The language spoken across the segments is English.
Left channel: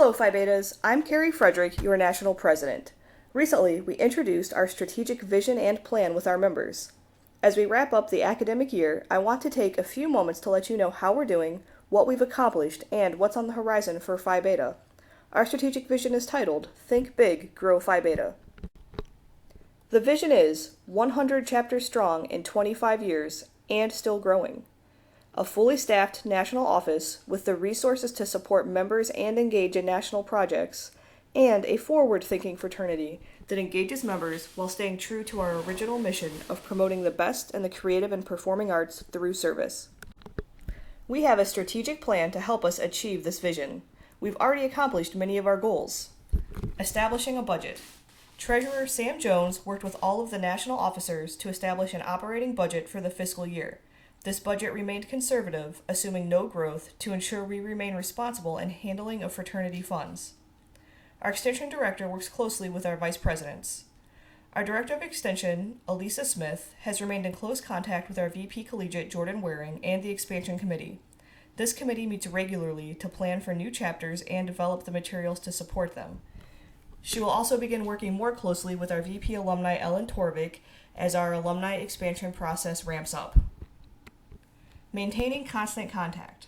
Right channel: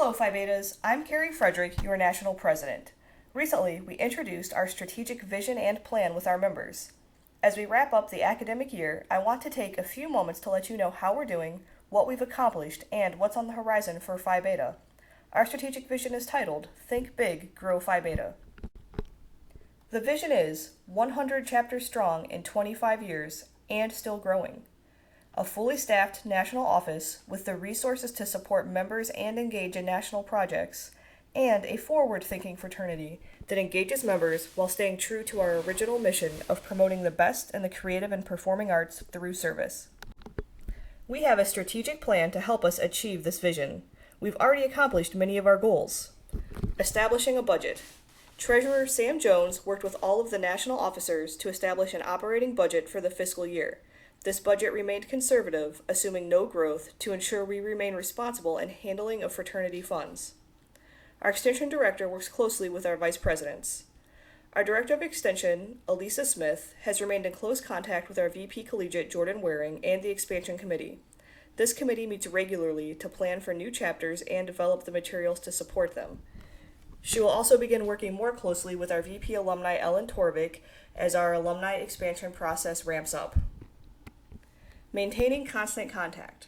Hello, Phi Betas. I'm Carrie Frederick, your National President. Recently, we introduced our strategic vision and plan with our members. As we wrap up the academic year, I want to take a few moments to let you know how we're doing, what we've accomplished, and what's on the horizon for Phi Beta. Our strategic vision is titled, Think Big, Grow Phi Beta. The vision is 100 chapters strong in 25 years and still growing. A fully staffed national office with the resources to support members and engage in national projects, and a forward-thinking fraternity that engages members while staying true to our original mission of promoting the best in the creative and performing arts through service. We have a strategic plan to help us achieve this vision. We've already accomplished many of our goals. Establishing a budget. Treasurer Sam Jones worked with all of the national officers to establish an operating budget for the fiscal year. This budget remained conservative, assuming no growth, to ensure we remain responsible in handling of fraternity funds. Our Extension Director works closely with our Vice Presidents. Our Director of Extension, Elisa Smith, has remained in close contact with our VP Collegiate, Jordan Waring, and the Expansion Committee. This committee meets regularly to plan for new chapters and develop the materials to support them. She will also begin working more closely with our VP Alumni, Ellen Torvik, as our alumni expansion process ramps up. Maintaining constant contact.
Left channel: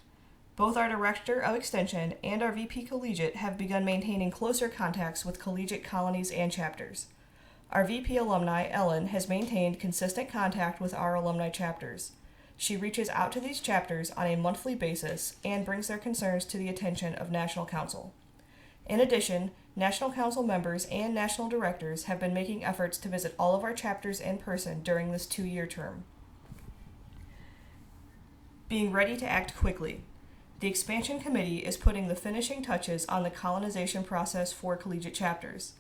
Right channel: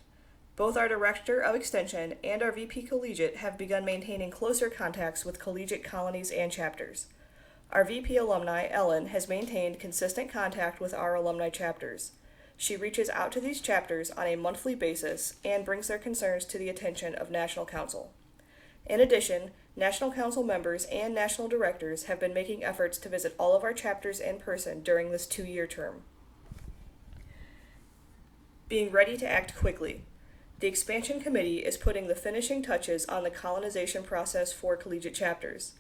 Both our Director of Extension and our VP Collegiate have begun maintaining closer contacts with collegiate colonies and chapters. Our VP Alumni, Ellen, has maintained consistent contact with our alumni chapters. She reaches out to these chapters on a monthly basis and brings their concerns to the attention of National Council. In addition, National Council members and National Directors have been making efforts to visit all of our chapters in person during this 2-year term. Being ready to act quickly. The Expansion Committee is putting the finishing touches on the colonization process for collegiate chapters.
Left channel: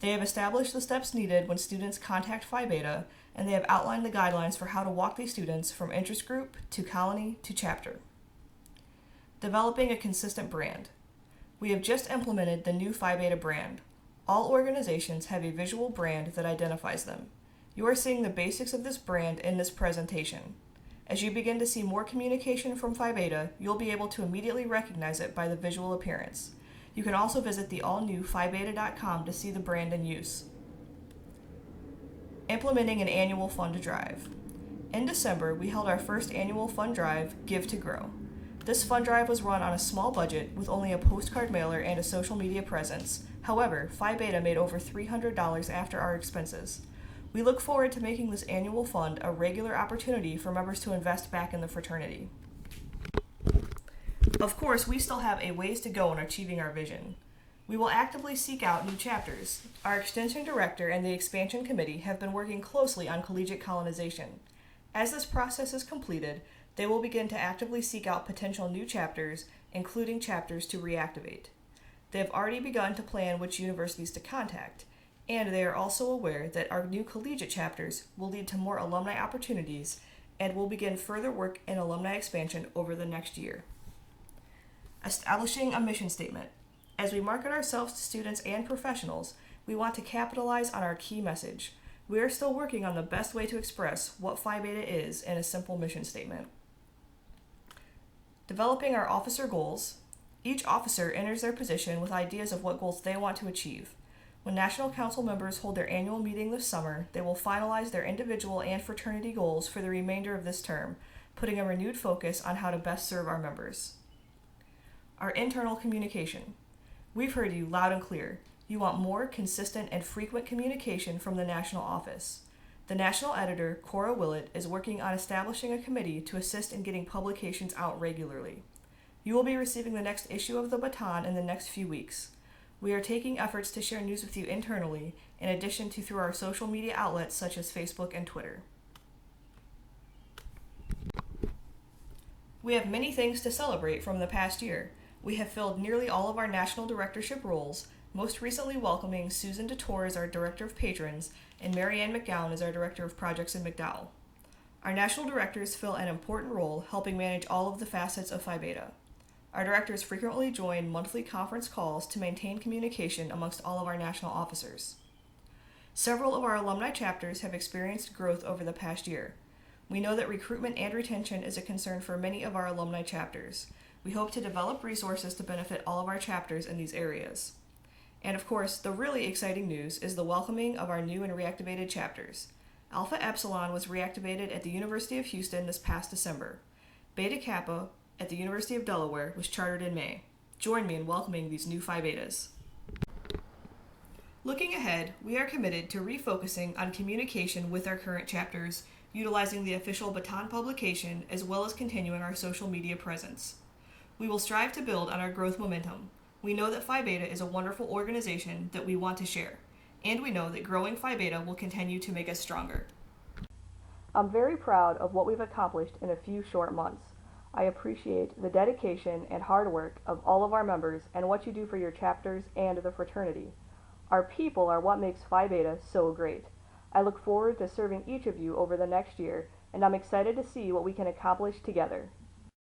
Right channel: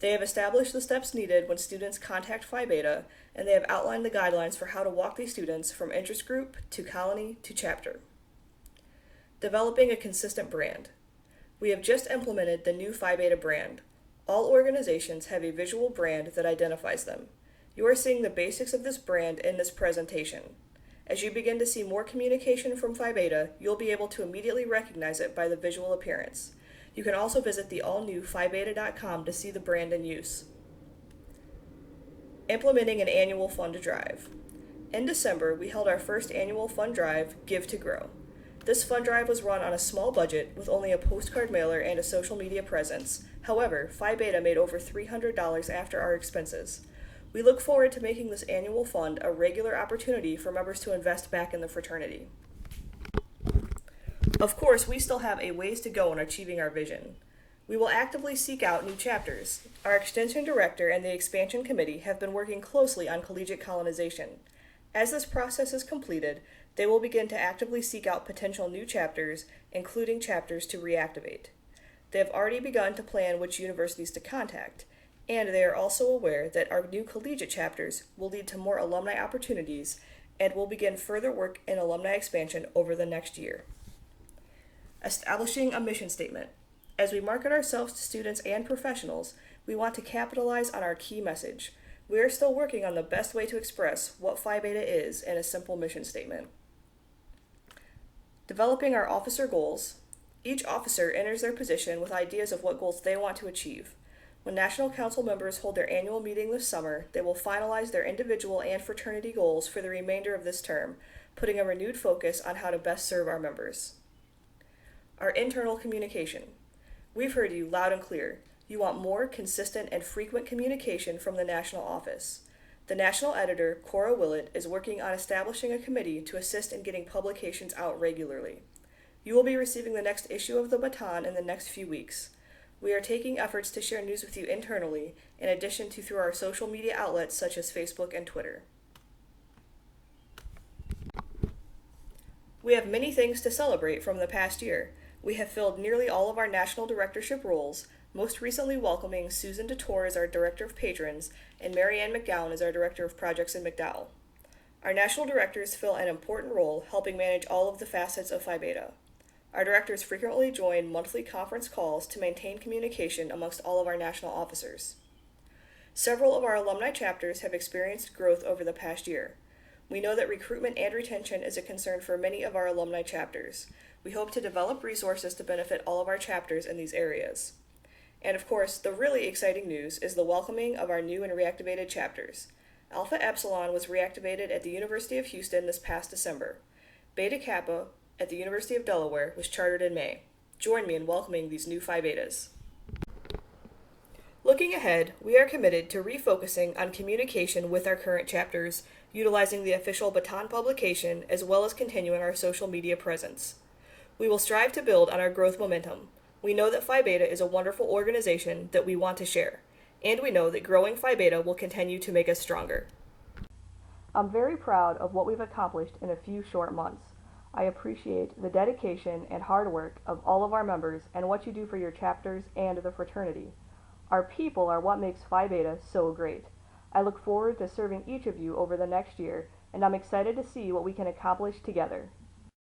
They have established the steps needed when students contact Phi Beta, and they have outlined the guidelines for how to walk these students from interest group to colony to chapter. Developing a consistent brand. We have just implemented the new Phi Beta brand. All organizations have a visual brand that identifies them. You are seeing the basics of this brand in this presentation. As you begin to see more communication from Phi Beta, you'll be able to immediately recognize it by the visual appearance. You can also visit the all-new phibeta.com to see the brand in use. Implementing an annual fund drive. In December, we held our first annual fund drive, Give to Grow. This fund drive was run on a small budget with only a postcard mailer and a social media presence. However, Phi Beta made over $300 after our expenses. We look forward to making this annual fund a regular opportunity for members to invest back in the fraternity. Of course, we still have a ways to go in achieving our vision. We will actively seek out new chapters. Our Extension Director and the Expansion Committee have been working closely on collegiate colonization. As this process is completed, they will begin to actively seek out potential new chapters, including chapters to reactivate. They have already begun to plan which universities to contact, and they are also aware that our new collegiate chapters will lead to more alumni opportunities and will begin further work in alumni expansion over the next year. Establishing a mission statement. As we market ourselves to students and professionals, we want to capitalize on our key message. We are still working on the best way to express what Phi Beta is in a simple mission statement. Developing our officer goals. Each officer enters their position with ideas of what goals they want to achieve. When National Council members hold their annual meeting this summer, they will finalize their individual and fraternity goals for the remainder of this term, putting a renewed focus on how to best serve our members. Our internal communication. We've heard you loud and clear. You want more consistent and frequent communication from the national office. The national editor, Cora Willett, is working on establishing a committee to assist in getting publications out regularly. You will be receiving the next issue of the Baton in the next few weeks. We are taking efforts to share news with you internally, in addition to through our social media outlets such as Facebook and Twitter. We have many things to celebrate from the past year. We have filled nearly all of our national directorship roles, most recently welcoming Susan DeTore as our Director of Patrons and Marianne McGowan as our Director of Projects in McDowell. Our national directors fill an important role helping manage all of the facets of Phi Beta. Our directors frequently join monthly conference calls to maintain communication amongst all of our national officers. Several of our alumni chapters have experienced growth over the past year. We know that recruitment and retention is a concern for many of our alumni chapters. We hope to develop resources to benefit all of our chapters in these areas. And of course, the really exciting news is the welcoming of our new and reactivated chapters. Alpha Epsilon was reactivated at the University of Houston this past December. Beta Kappa at the University of Delaware was chartered in May. Join me in welcoming these new Phi Betas. Looking ahead, we are committed to refocusing on communication with our current chapters, utilizing the official Baton publication as well as continuing our social media presence. We will strive to build on our growth momentum. We know that Phi Beta is a wonderful organization that we want to share, and we know that growing Phi Beta will continue to make us stronger. I'm very proud of what we've accomplished in a few short months. I appreciate the dedication and hard work of all of our members and what you do for your chapters and the fraternity. Our people are what makes Phi Beta so great. I look forward to serving each of you over the next year, and I'm excited to see what we can accomplish together.